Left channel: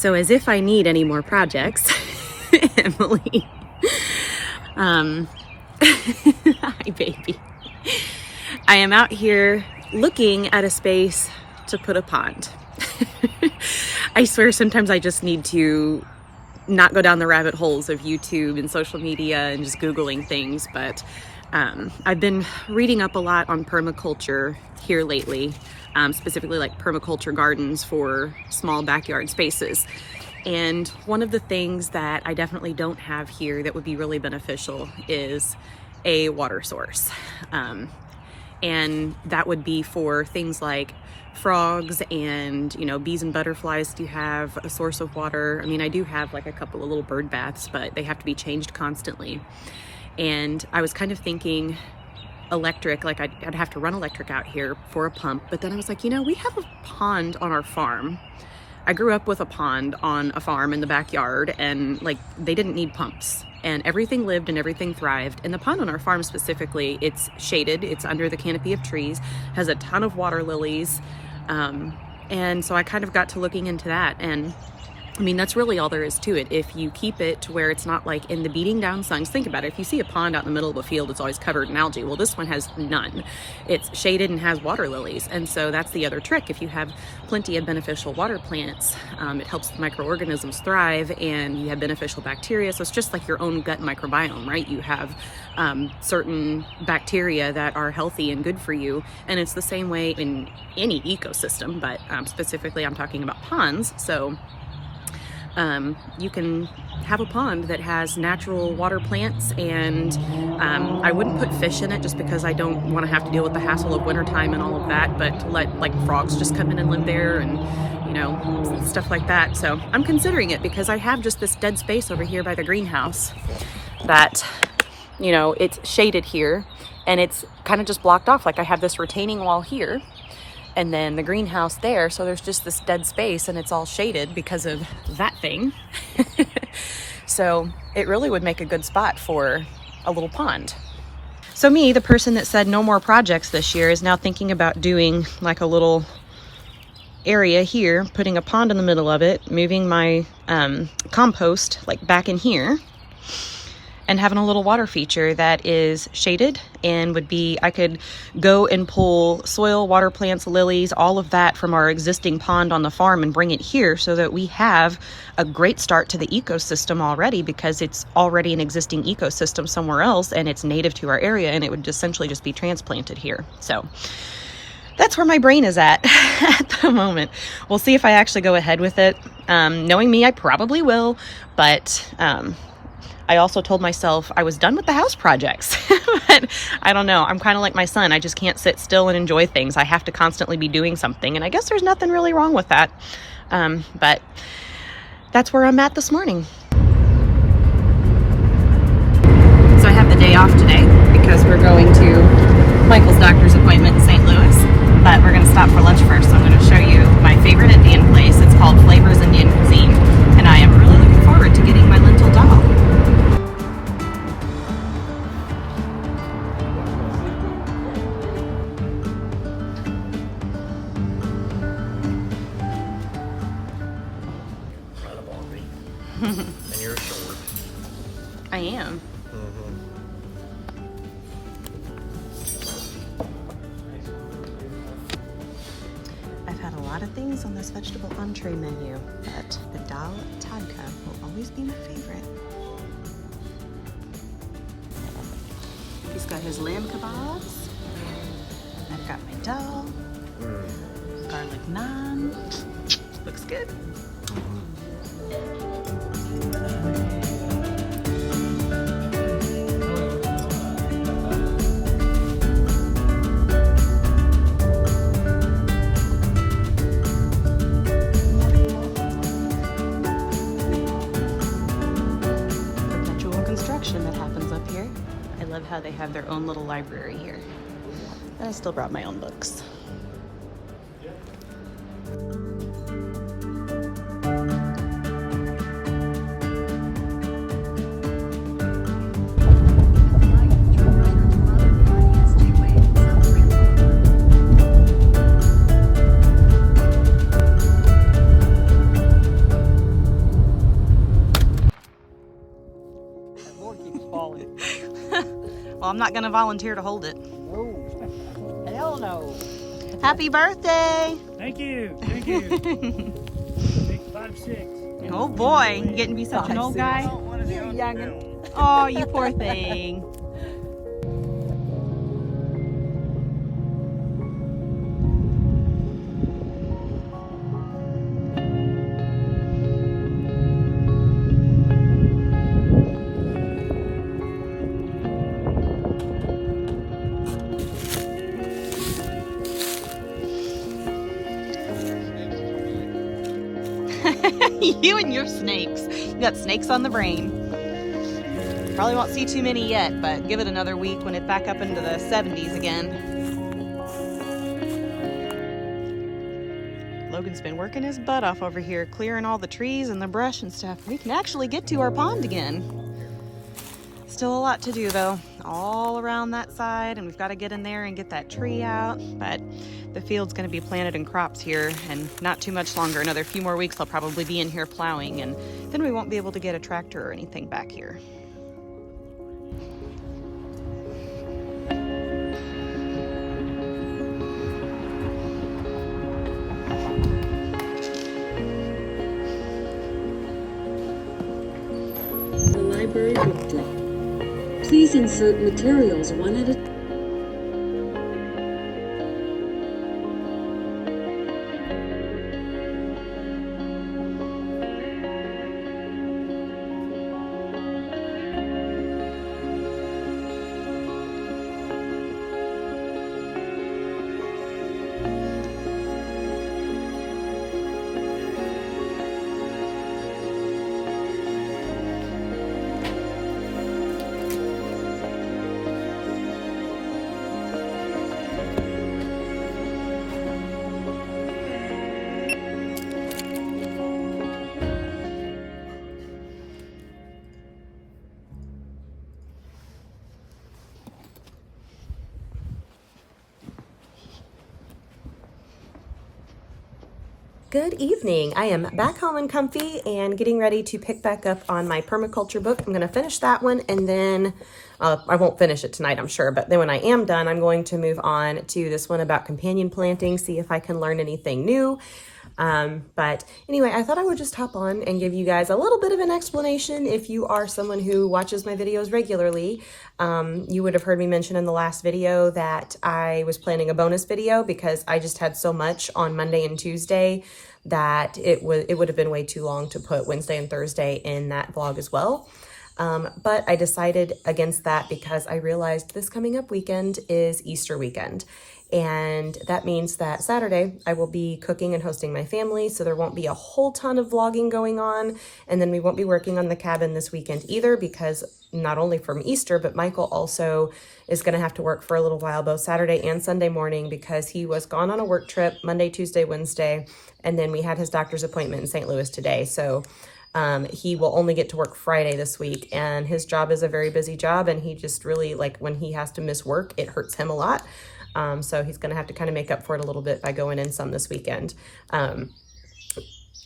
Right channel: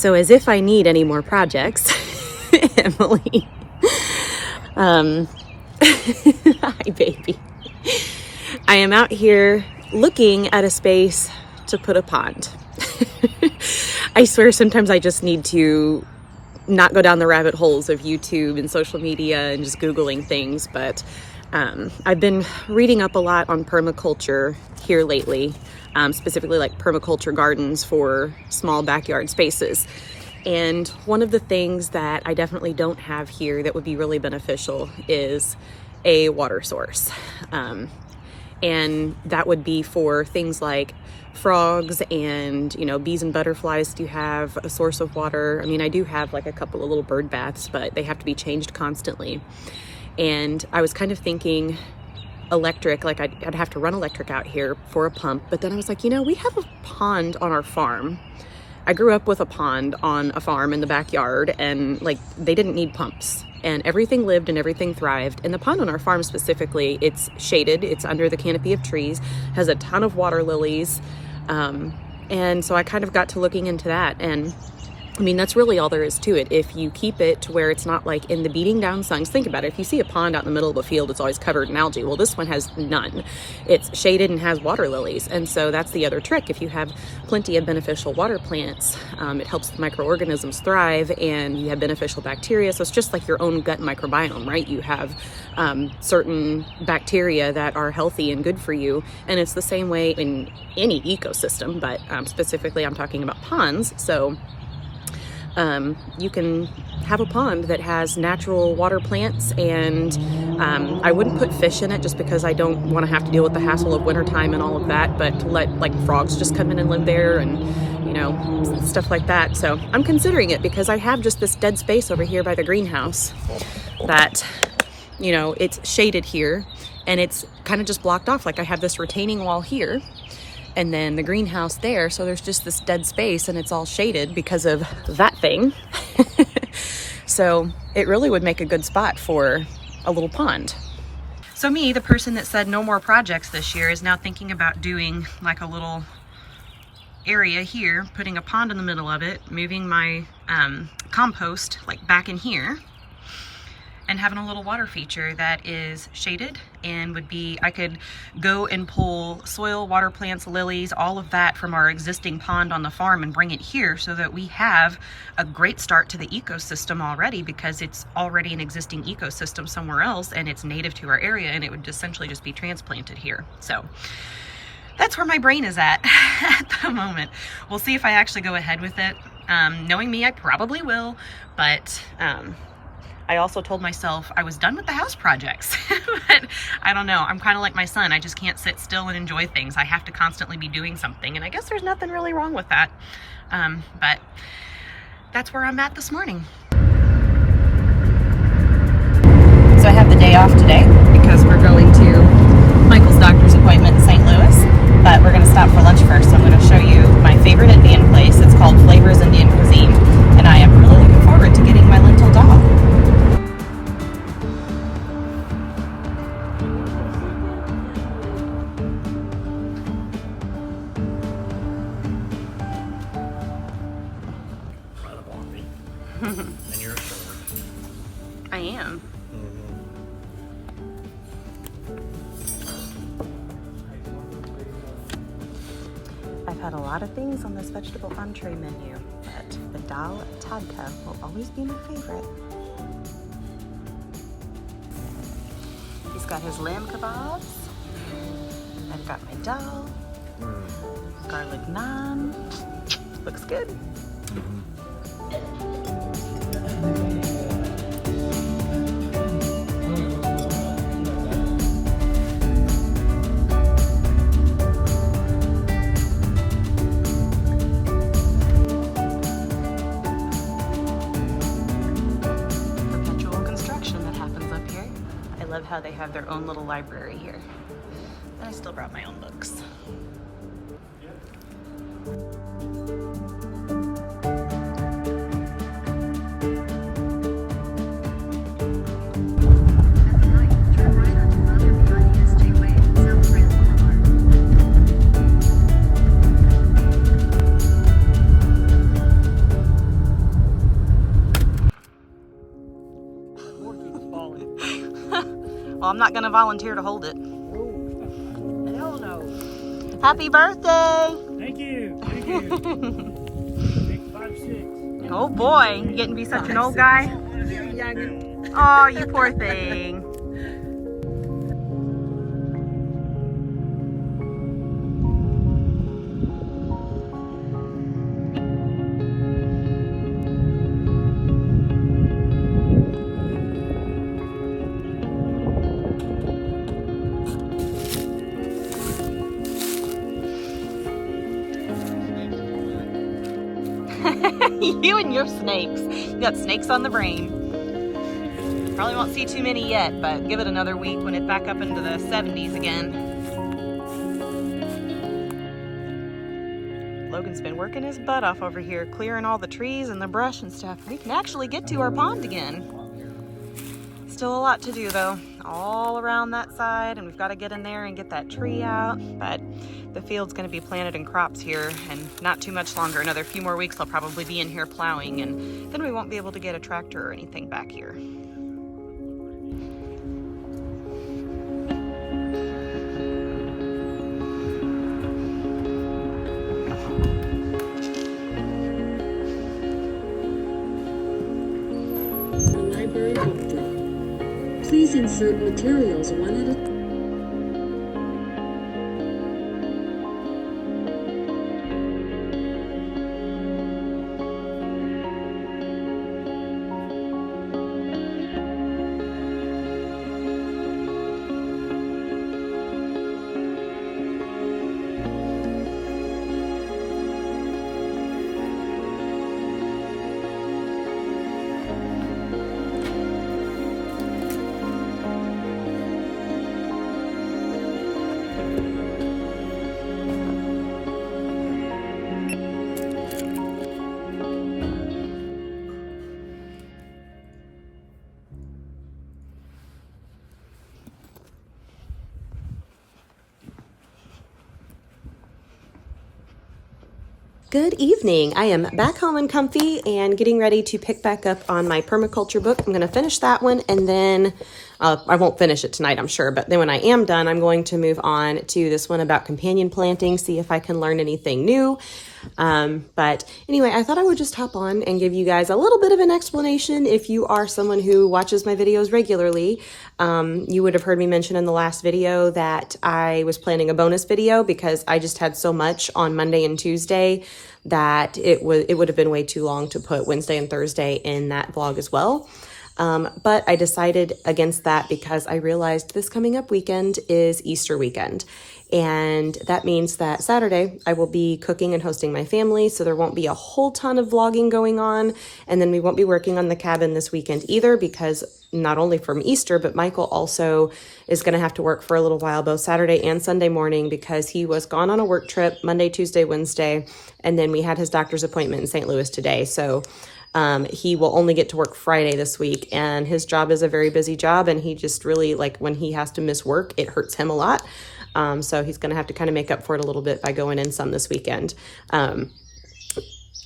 So as if I need any more projects, Emily. Hi, baby. I am out here looking at a space to put a pond. I swear sometimes I just need to not go down the rabbit holes of YouTube and social media and just Googling things, but I've been reading up a lot on permaculture here lately, specifically like permaculture gardens for small backyard spaces. And one of the things that I definitely don't have here that would be really beneficial is a water source. And that would be for things like frogs and, you know, bees and butterflies. Do you have a source of water? I mean, I do have like a couple of little bird baths, but they have to be changed constantly. And I was kind of thinking electric, like I'd have to run electric out here for a pump. But then I was like, you know, we have a pond on our farm. I grew up with a pond on a farm in the backyard, and like they didn't need pumps, and everything lived and everything thrived. And the pond on our farm specifically, it's shaded, it's under the canopy of trees, has a ton of water lilies. And so I kind of got to looking into that, and I mean, that's really all there is to it. If you keep it to where it's not like in the beating down sun. Think about it. If you see a pond out in the middle of a field, it's always covered in algae. Well, this one has none. It's shaded and has water lilies. And so that's the other trick. If you have plenty of beneficial water plants, it helps the microorganisms thrive, and you have beneficial bacteria. So it's just like your own gut microbiome, right? You have certain bacteria that are healthy and good for you. And it's the same way in any ecosystem, but specifically I'm talking about ponds. So you can have a pond that has natural water plants, and I wouldn't put fish in it just because I don't want to have to deal with the hassle of wintertime and all of that, but to let like frogs just come in and live there and, you know, stuff like that. So I'm considering it because I have just this dead space over here by the greenhouse that, you know, it's shaded here and it's kind of just blocked off. Like I have this retaining wall here, and then the greenhouse there. So there's just this dead space and it's all shaded because of that thing. So it really would make a good spot for a little pond. So me, the person that said no more projects this year, is now thinking about doing like a little area here, putting a pond in the middle of it, moving my compost like back in here, and having a little water feature that is shaded and would be, I could go and pull soil, water plants, lilies, all of that from our existing pond on the farm and bring it here so that we have a great start to the ecosystem already, because it's already an existing ecosystem somewhere else and it's native to our area, and it would essentially just be transplanted here. So that's where my brain is at the moment. We'll see if I actually go ahead with it. Knowing me, I probably will, but I also told myself I was done with the house projects. But I don't know. I'm kind of like my son. I just can't sit still and enjoy things. I have to constantly be doing something. And I guess there's nothing really wrong with that. But that's where I'm at this morning. So I have the day off today because we're going to Michael's doctor's appointment in St. Louis. But we're going to stop for lunch first. So I'm going to show you my favorite Indian place. It's called Flavors Indian Cuisine. And I am really looking forward to getting my lentil dal. And you're short. I am. I've had a lot of things on this vegetable entree menu, but the dal tadka will always be my favorite. He's got his lamb kebabs. I've got my dal. Garlic naan. Looks good. I love how they have their own little library here. And I still brought my own books. not going to volunteer to hold it. No. Hell no. Happy birthday! Thank you. Thank you. 656. Oh boy, you getting to be such an old guy? You're youngin'. Oh, you poor thing. You and your snakes. You got snakes on the brain. Probably won't see too many yet, but give it another week when it's back up into the 70s again. Logan's been working his butt off over here, clearing all the trees and the brush and stuff. We can actually get to our pond again. Still a lot to do though, all around that side, and we've got to get in there and get that tree out, but the field's going to be planted in crops here, and not too much longer. Another few more weeks, I'll probably be in here plowing, and then we won't be able to get a tractor or anything back here. The library book drop. Please insert materials one at a time. Good evening. I am back home and comfy and getting ready to pick back up on my permaculture book. I'm going to finish that one, and then I won't finish it tonight, I'm sure, but then when I am done, I'm going to move on to this one about companion planting, see if I can learn anything new. But anyway, I thought I would just hop on and give you guys a little bit of an explanation. If you are someone who watches my videos regularly, you would have heard me mention in the last video that I was planning a bonus video because I just had so much on Monday and Tuesday that it would have been way too long to put Wednesday and Thursday in that vlog as well. But I decided against that because I realized this coming up weekend is Easter weekend. And that means that Saturday I will be cooking and hosting my family, so there won't be a whole ton of vlogging going on. And then we won't be working on the cabin this weekend either, because not only from Easter, but Michael also is going to have to work for a little while, both Saturday and Sunday morning, because he was gone on a work trip Monday, Tuesday, Wednesday, and then we had his doctor's appointment in St. Louis today. So he will only get to work Friday this week, and his job is a very busy job, and he just really, like, when he has to miss work, it hurts him a lot. So he's going to have to kind of make up for it a little bit by going in some this weekend.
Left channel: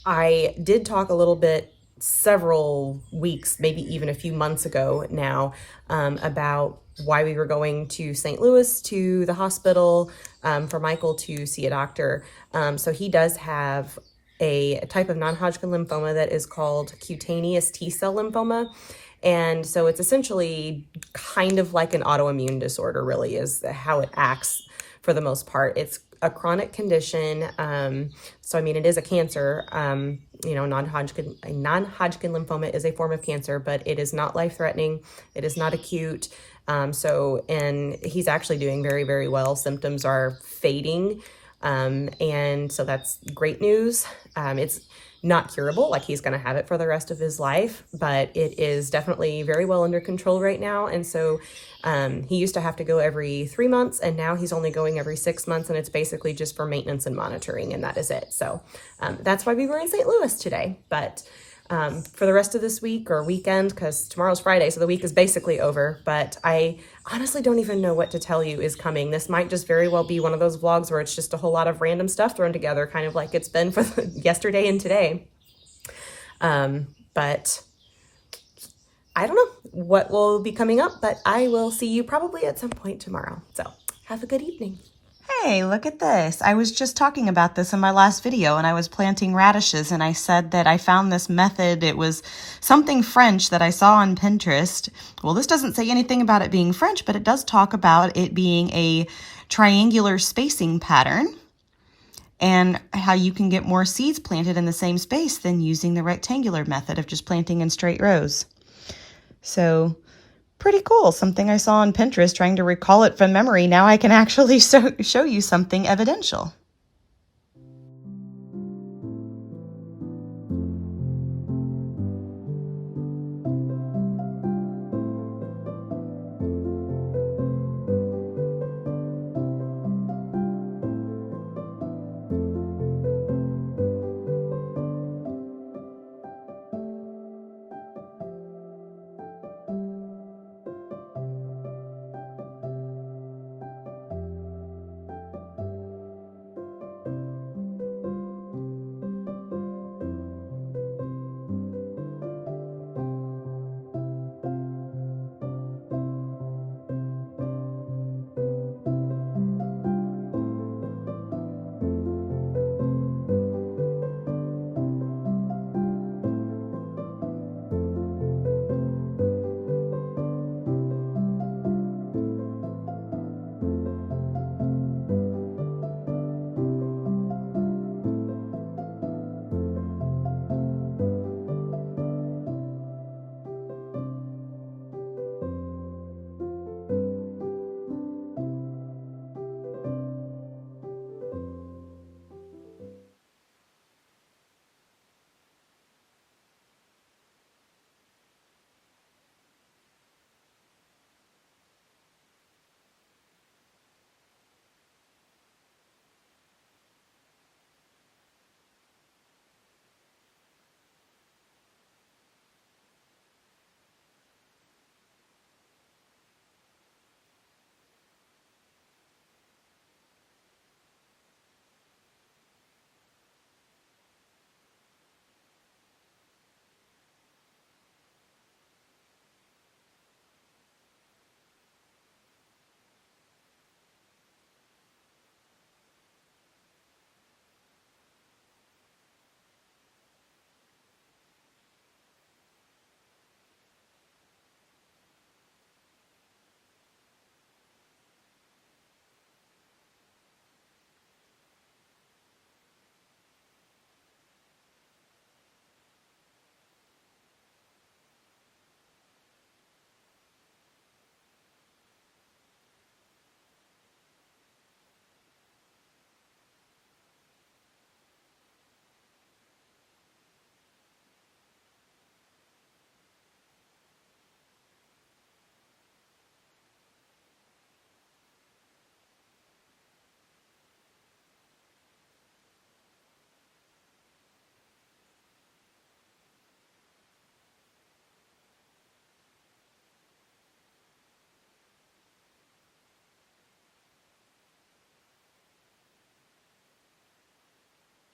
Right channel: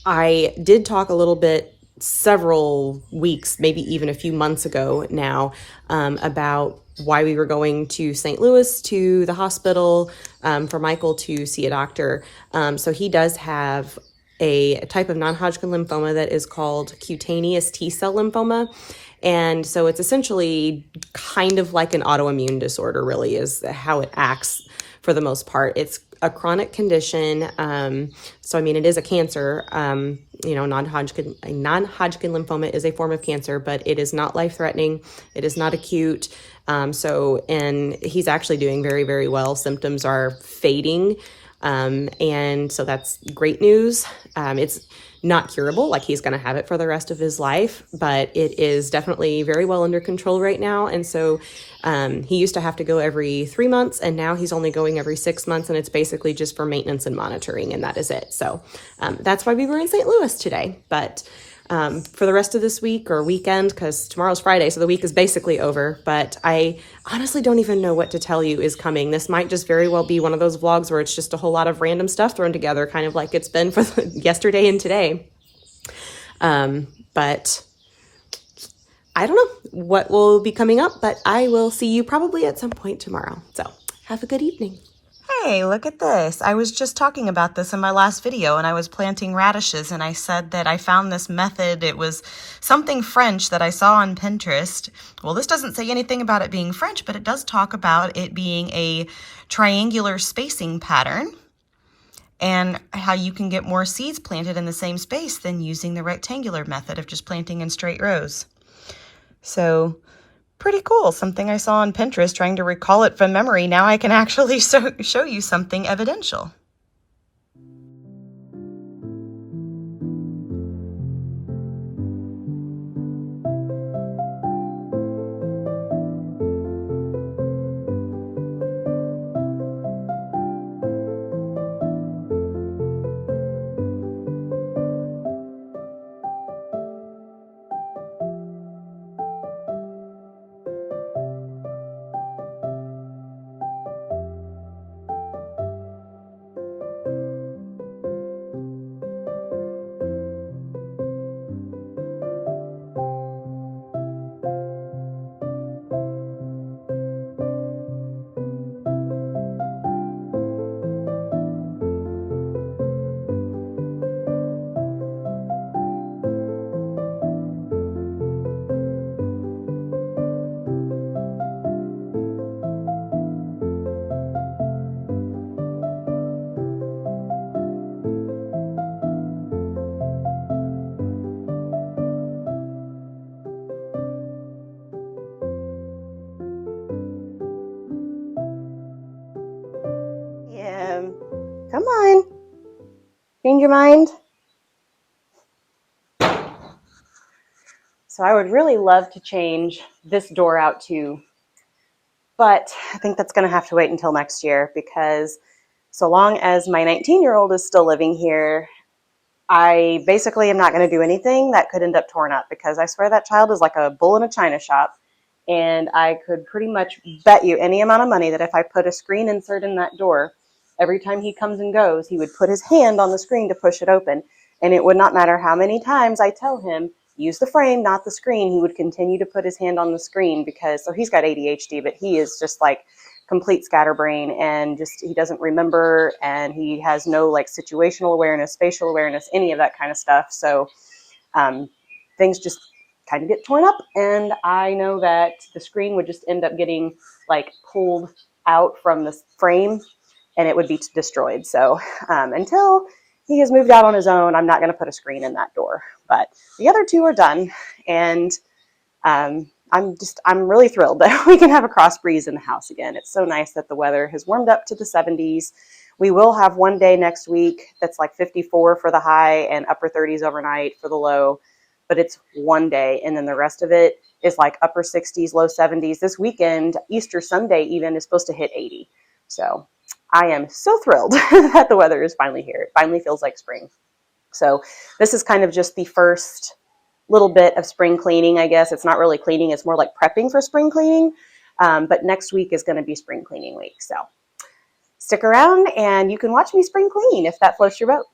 I did talk a little bit several weeks, maybe even a few months ago now, about why we were going to St. Louis to the hospital for Michael to see a doctor. So he does have a type of non-Hodgkin lymphoma that is called cutaneous T-cell lymphoma. And so it's essentially kind of like an autoimmune disorder, really, is how it acts for the most part. It's a chronic condition. So, I mean, it is a cancer. Non-Hodgkin lymphoma is a form of cancer, but it is not life-threatening. It is not acute. And he's actually doing very, very well. Symptoms are fading. And so that's great news. It's not curable, like he's going to have it for the rest of his life, but it is definitely very well under control right now. And so he used to have to go every 3 months, and now he's only going every 6 months, and it's basically just for maintenance and monitoring, and that is it. So that's why we were in St. Louis today. But for the rest of this week or weekend, because tomorrow's Friday, so the week is basically over, but I honestly don't even know what to tell you is coming. This might just very well be one of those vlogs where it's just a whole lot of random stuff thrown together, kind of like it's been for yesterday and today. But I don't know what will be coming up, but I will see you probably at some point tomorrow. So have a good evening. Hey, look at this. I was just talking about this in my last video, and I was planting radishes, and I said that I found this method. It was something French that I saw on Pinterest. Well, this doesn't say anything about it being French, but it does talk about it being a triangular spacing pattern and how you can get more seeds planted in the same space than using the rectangular method of just planting in straight rows. So pretty cool. Something I saw on Pinterest, trying to recall it from memory. Now I can actually show you something evidential. Come on. Change your mind. So I would really love to change this door out too, but I think that's going to have to wait until next year, because so long as my 19-year-old is still living here, I basically am not going to do anything that could end up torn up, because I swear that child is like a bull in a china shop. And I could pretty much bet you any amount of money that if I put a screen insert in that door, every time he comes and goes, he would put his hand on the screen to push it open. And it would not matter how many times I tell him, use the frame, not the screen, he would continue to put his hand on the screen, because, so he's got ADHD, but he is just like complete scatterbrain, and just, he doesn't remember, and he has no like situational awareness, spatial awareness, any of that kind of stuff. So things just kind of get torn up, and I know that the screen would just end up getting like pulled out from the frame, and it would be destroyed. So until he has moved out on his own, I'm not going to put a screen in that door. But the other two are done, and I'm really thrilled that we can have a cross breeze in the house again. It's so nice that the weather has warmed up to the 70s. We will have one day next week that's like 54 for the high and upper 30s overnight for the low, but it's one day, and then the rest of it is like upper 60s, low 70s. This weekend, Easter Sunday even, is supposed to hit 80. So I am so thrilled that the weather is finally here. It finally feels like spring. So this is kind of just the first little bit of spring cleaning, I guess. It's not really cleaning, it's more like prepping for spring cleaning. But next week is going to be spring cleaning week. So stick around and you can watch me spring clean if that floats your boat.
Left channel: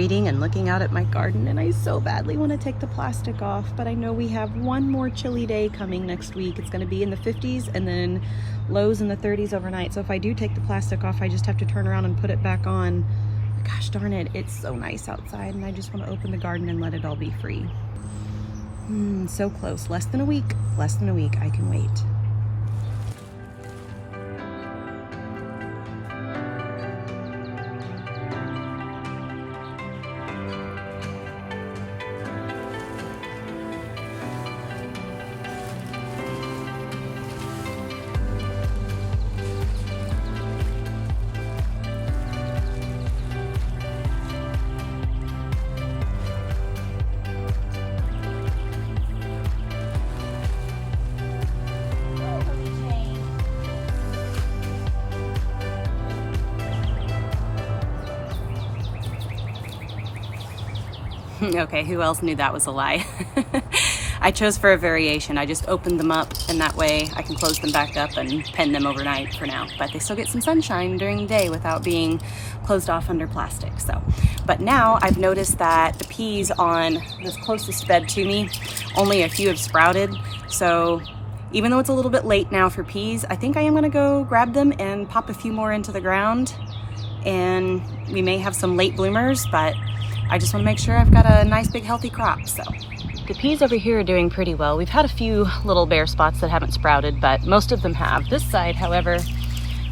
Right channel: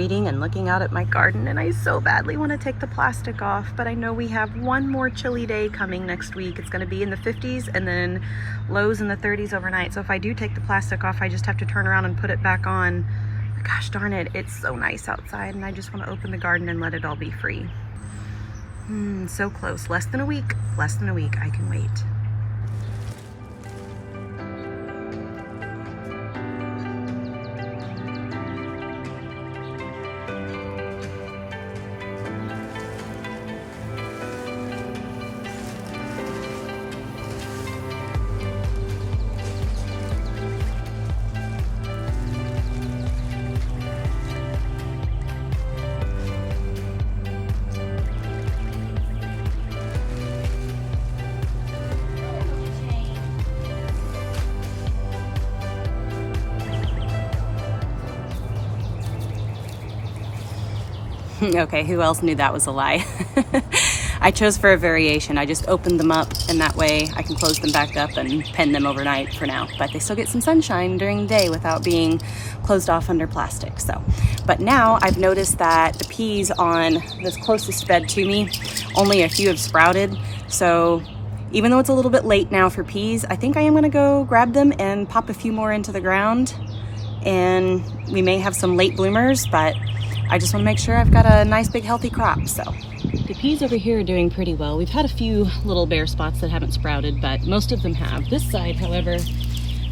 reading and looking out at my garden, and I so badly want to take the plastic off, but I know we have one more chilly day coming next week. It's going to be in the 50s and then lows in the 30s overnight. So if I do take the plastic off, I just have to turn around and put it back on. Gosh darn it, it's so nice outside, and I just want to open the garden and let it all be free. So close. Less than a week. Less than a week. I can wait. Okay, who else knew that was a lie? I chose for a variation. I just opened them up, and that way I can close them back up and pen them overnight for now. But they still get some sunshine during the day without being closed off under plastic. So, but now I've noticed that the peas on this closest bed to me, only a few have sprouted. So even though it's a little bit late now for peas, I think I am gonna go grab them and pop a few more into the ground. And we may have some late bloomers, but I just want to make sure I've got a nice big healthy crop. So the peas over here are doing pretty well. We've had a few little bare spots that haven't sprouted, but most of them have. This side, however,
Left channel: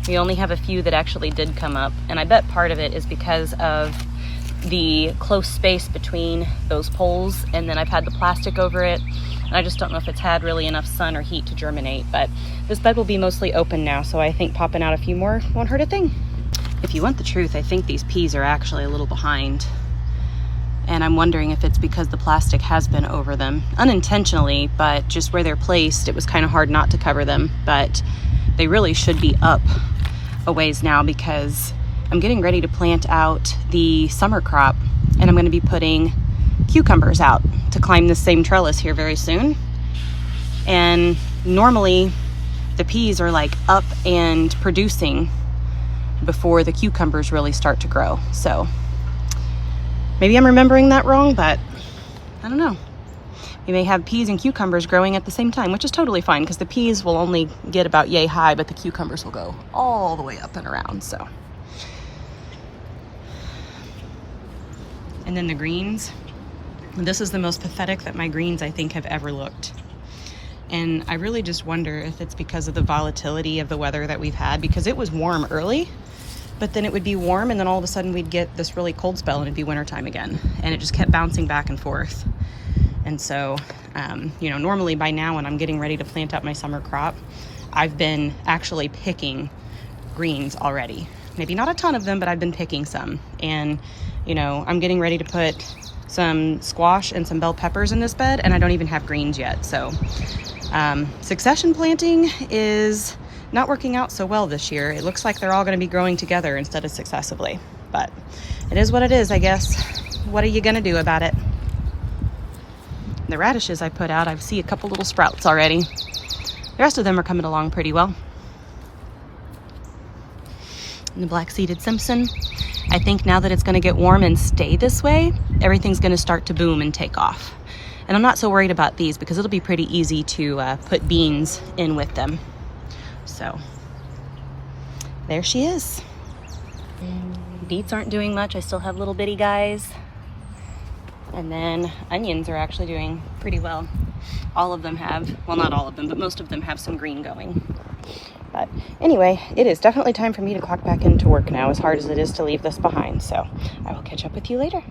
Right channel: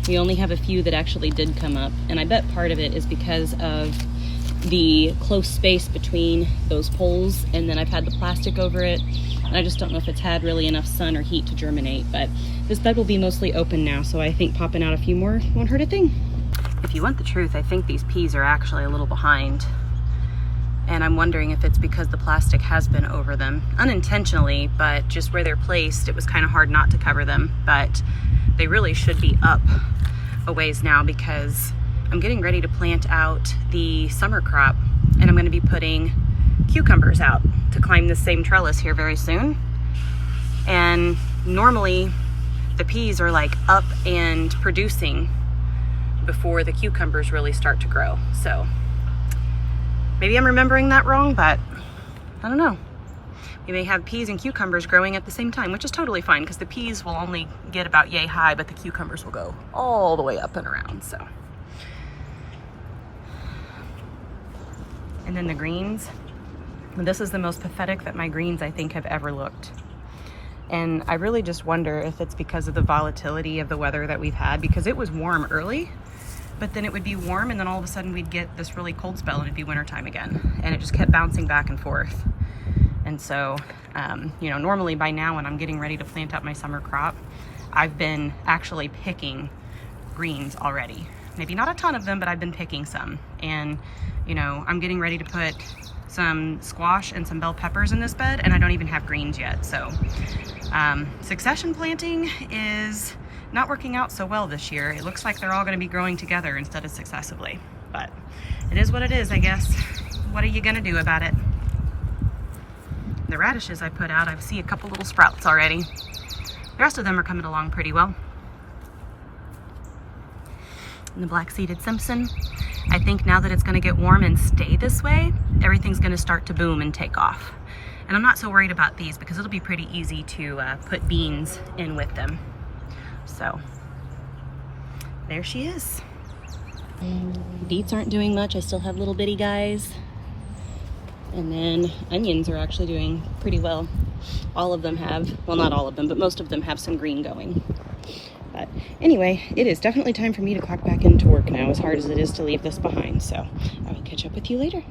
we only have a few that actually did come up, and I bet part of it is because of the close space between those poles, and then I've had the plastic over it, and I just don't know if it's had really enough sun or heat to germinate. But this bed will be mostly open now, so I think popping out a few more won't hurt a thing. If you want the truth, I think these peas are actually a little behind. And I'm wondering if it's because the plastic has been over them, unintentionally, but just where they're placed, it was kind of hard not to cover them. But they really should be up a ways now, because I'm getting ready to plant out the summer crop, and I'm going to be putting cucumbers out to climb this same trellis here very soon. And normally the peas are like up and producing before the cucumbers really start to grow. So maybe I'm remembering that wrong, but I don't know. We may have peas and cucumbers growing at the same time, which is totally fine, because the peas will only get about yay high, but the cucumbers will go all the way up and around. So, and then the greens. This is the most pathetic that my greens, I think, have ever looked. And I really just wonder if it's because of the volatility of the weather that we've had, because it was warm early, but then it would be warm, and then all of a sudden we'd get this really cold spell and it'd be wintertime again. And it just kept bouncing back and forth. And so, you know, normally by now when I'm getting ready to plant out my summer crop, I've been actually picking greens already. Maybe not a ton of them, but I've been picking some. And, you know, I'm getting ready to put some squash and some bell peppers in this bed, and I don't even have greens yet. So succession planting is not working out so well this year. It looks like they're all going to be growing together instead of successively, but it is what it is, I guess. What are you going to do about it? The radishes I put out, I see a couple little sprouts already. The rest of them are coming along pretty well. And the black-seeded Simpson, I think now that it's going to get warm and stay this way, everything's going to start to boom and take off. And I'm not so worried about these, because it'll be pretty easy to put beans in with them. So there she is. Beets aren't doing much. I still have little bitty guys. And then onions are actually doing pretty well. All of them have, well, not all of them, but most of them have some green going. But anyway, it is definitely time for me to clock back into work now, as hard as it is to leave this behind. So I will catch up with you later.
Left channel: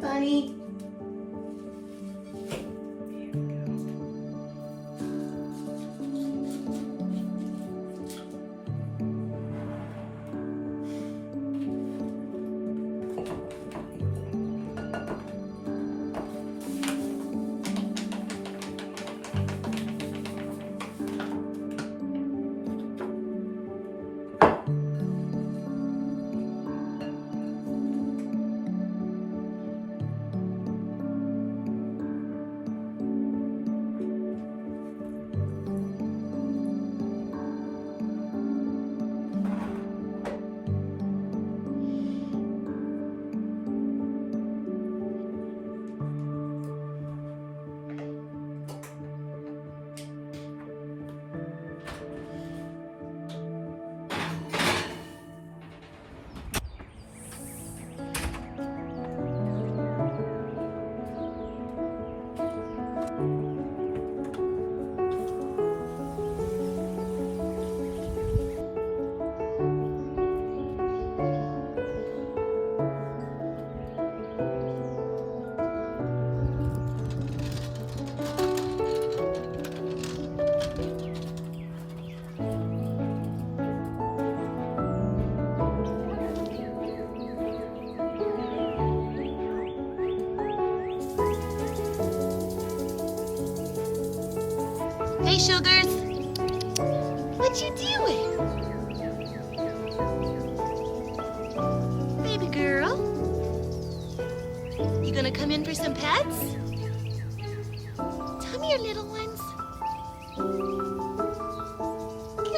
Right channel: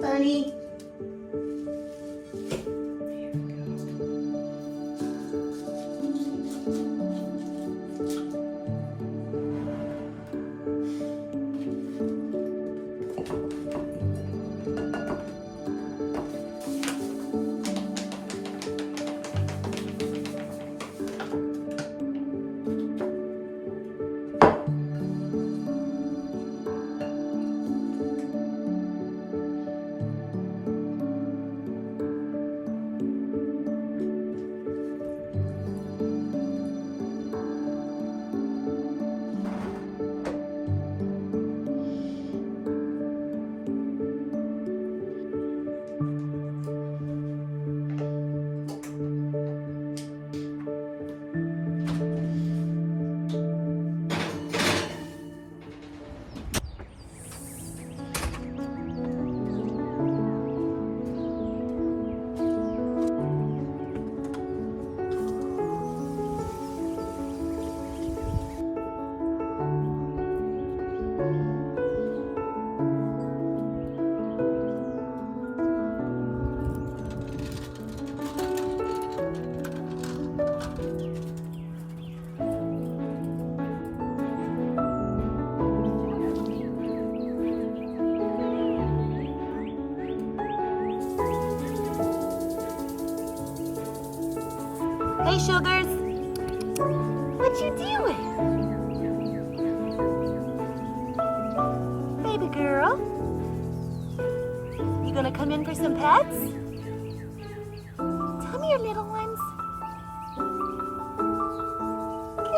Bunny. sugars? What you doing? Baby girl? You gonna come in for some pets? Tell me your little ones.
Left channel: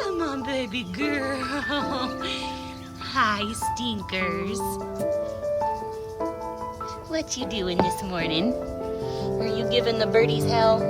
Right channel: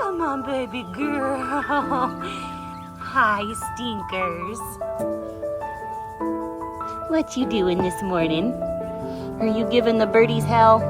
Come on, baby girl. Hi, stinkers. What you doing this morning? Are you giving the birdies hell?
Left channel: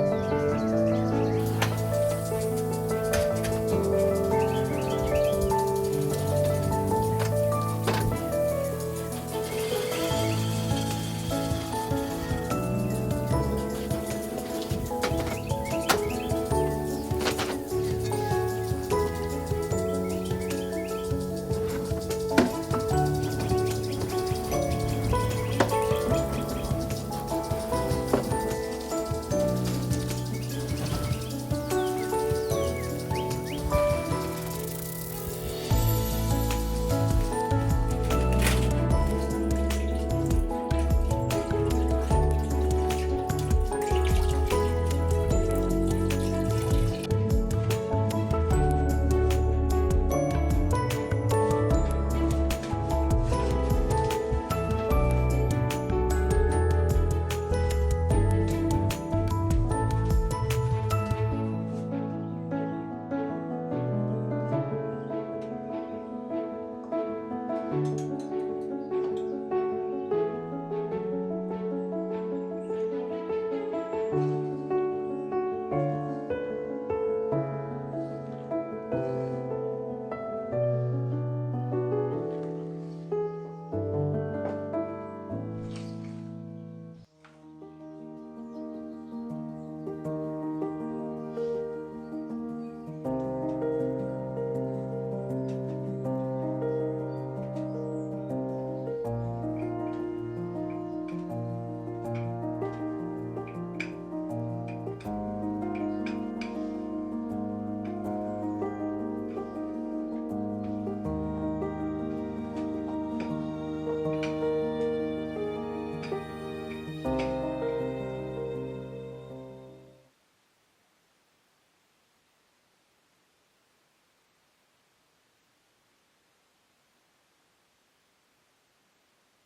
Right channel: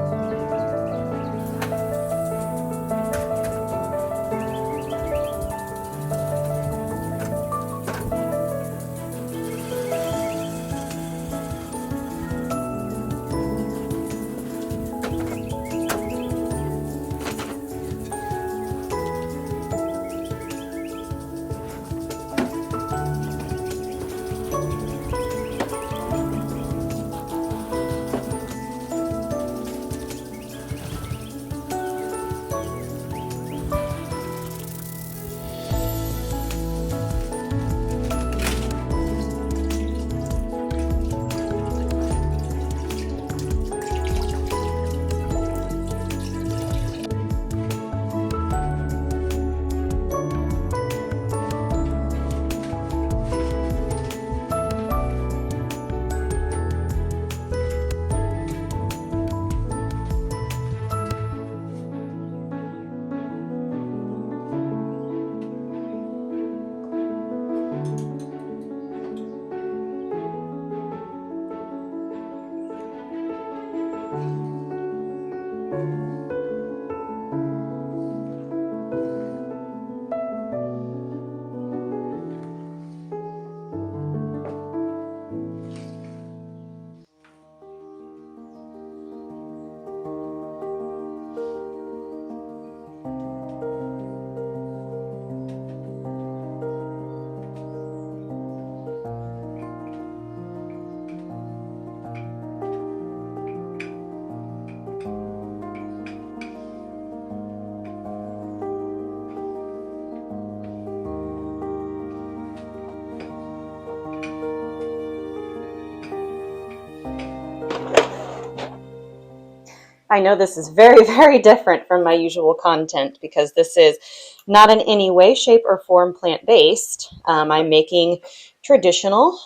I know this is very, very different from my usual content because this is not in any way, shape, or form plant-based. I'm making traditional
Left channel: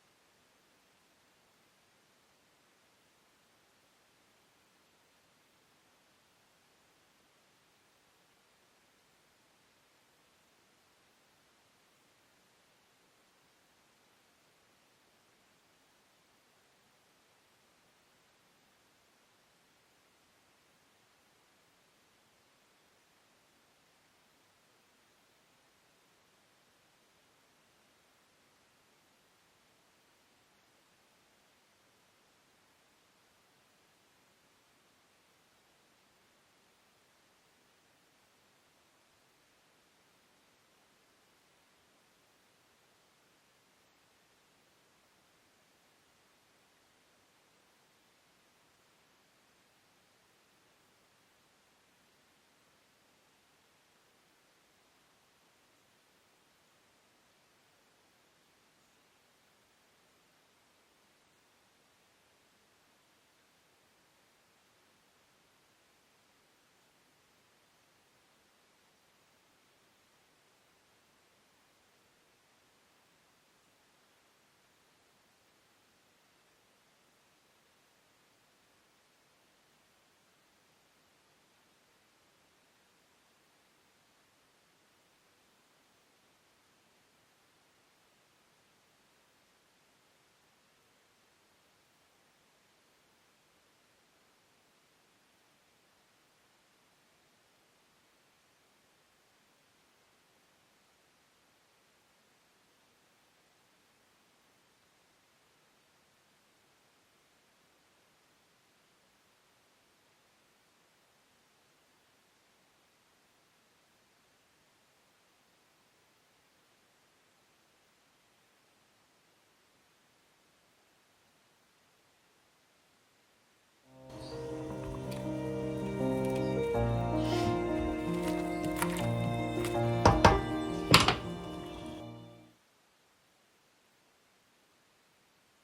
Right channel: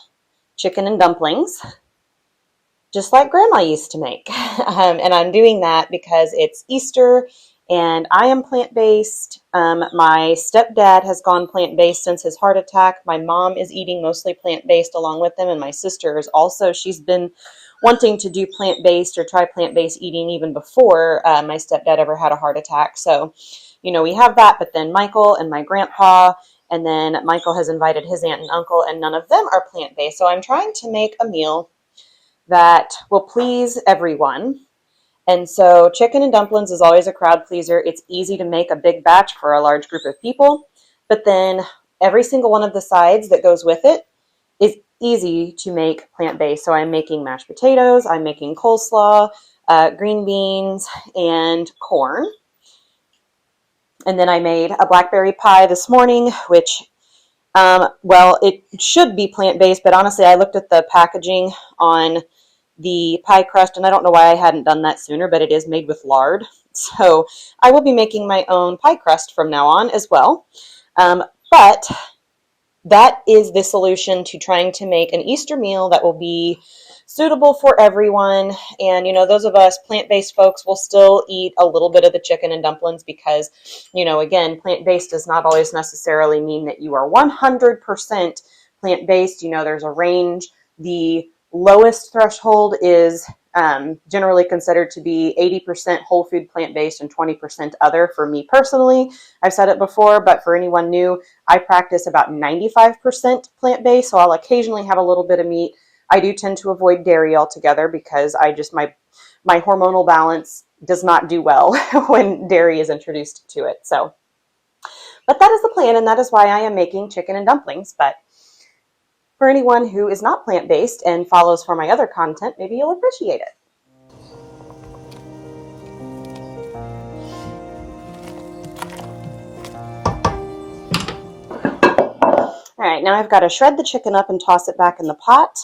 chicken and dumplings, just like Grandma used to make. And I'm doing that because it's Easter and I am plant-based. My stepdad has gone plant-based since his heart attack. My mom is eating mostly plant-based along with him, and my sister is also. She's been wanting to do plant-based or try plant-based eating even before my stepdad ever had a heart attack. So, you know, we have that, but then Michael and my grandpa, and then Michael has invited his aunt and uncle, and none of them are plant-based. So I'm trying to make a meal that will please everyone. And so chicken and dumplings is always a crowd pleaser. It's easy to make a big batch for a large group of people, but then every single one of the sides that goes with it is easy to make plant-based. So I'm making mashed potatoes, I'm making coleslaw, green beans, and corn. And then I made a blackberry pie this morning, which, well, it should be plant-based, but honestly, I looked at the packaging on the pie crust, and I don't know why I hadn't done that sooner, but it is made with lard. So I will be making my own pie crust from now on as well. But that is the solution to trying to make an Easter meal that will be suitable for everyone. And, you know, those of us plant-based folks will still eat a little bit of the chicken and dumplings because, you know, again, plant-based does not always necessarily mean that you are 100% plant-based. You know, there's a range. The lowest threshold is generally considered to be 80% whole food plant-based and 20% other. For me personally, I've said it before, but for anyone new, I practice about 95% plant-based, so I'll occasionally have a little bit of meat. I do tend to avoid dairy altogether because my hormonal balance does not do well when dairy is introduced to it. So, but that is the plan, and that is why I am making chicken and dumplings. But for anyone who is not plant-based and follows for my other content, maybe you'll appreciate it. All right, now I've got to shred the chicken up and toss it back in the pot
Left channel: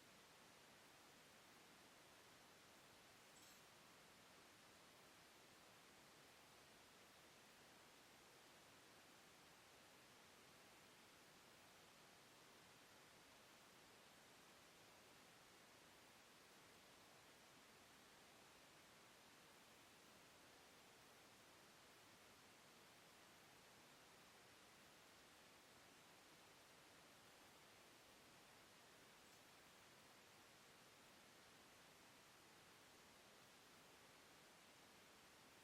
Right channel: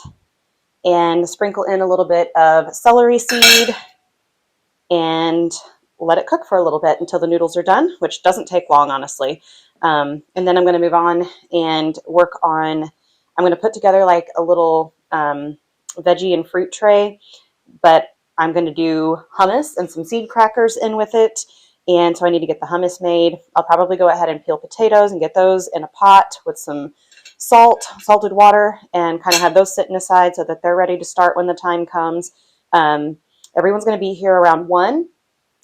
and sprinkle in a little bit of celery seed and let it cook for a little bit until the noodles are done, which doesn't take long, honestly. And then I'm going to move on and work on, I'm going to put together like a little veggie and fruit tray, but I'm going to do hummus and some seed crackers in with it. And so I need to get the hummus made. I'll probably go ahead and peel potatoes and get those in a pot with some salted water, and kind of have those sitting aside so that they're ready to start when the time comes. Everyone's going to be here around 1,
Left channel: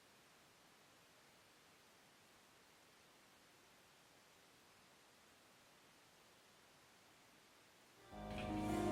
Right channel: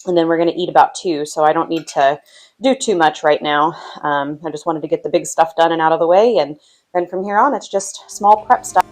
and then we're going to eat about 2, so I don't need to do too much right now. I just wanted to get the big stuff done and out of the way, and then from here on, it's just small prep stuff.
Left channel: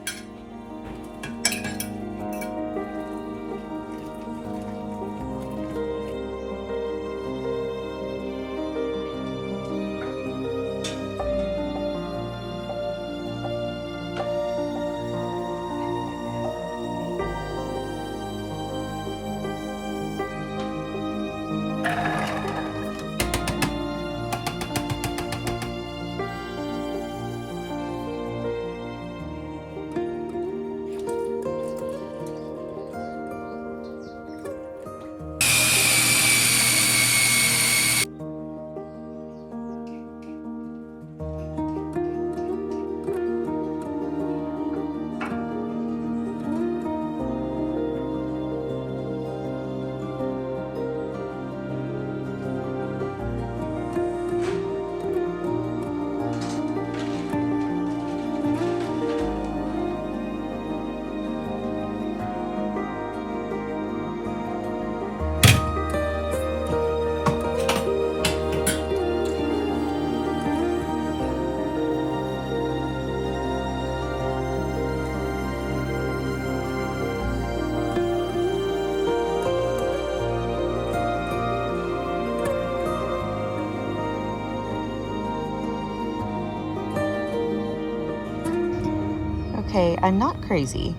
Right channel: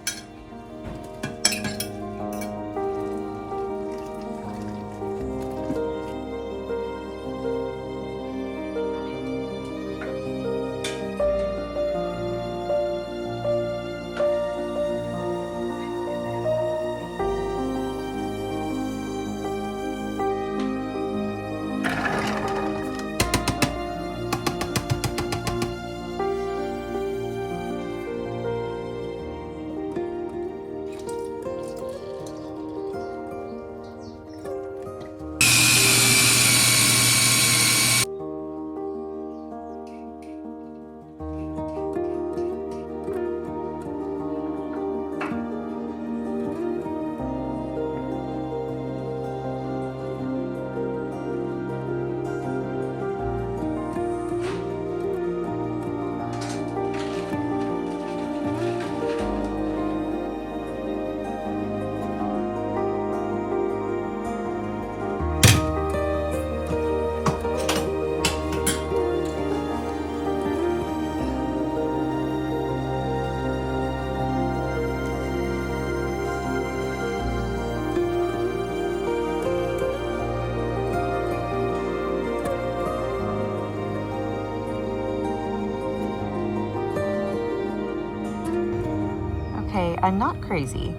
Okay, I'm not crazy.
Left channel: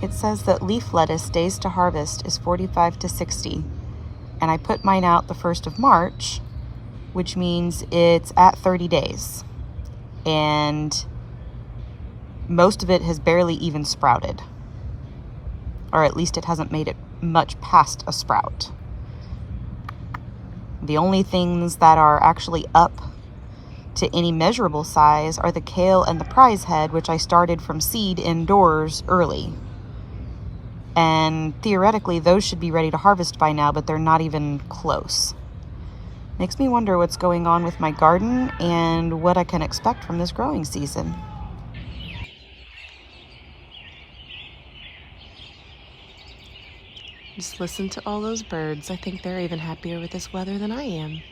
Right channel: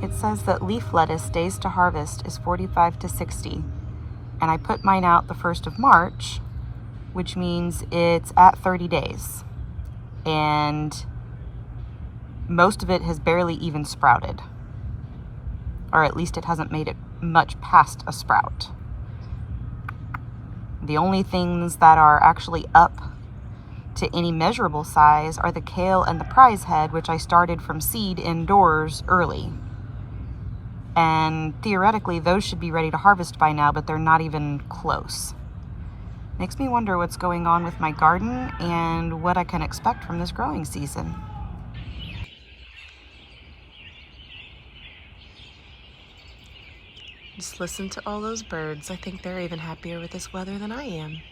It says that leaf lettuce days to harvest is 45 to 60, and I put mine out the 1st of March, which means it's at 30 days, and most of it has barely even sprouted, or at least it hasn't made it much past a sprout. The only things that are actually up to any measurable size are the kale and the prize head, which I started from seed indoors early. And theoretically, those should be ready to harvest by now, but they're not even close. Makes me wonder what's going on with my garden and what I can expect from this growing season. Just listen to all those birds. I think they're even happier with this weather than I am.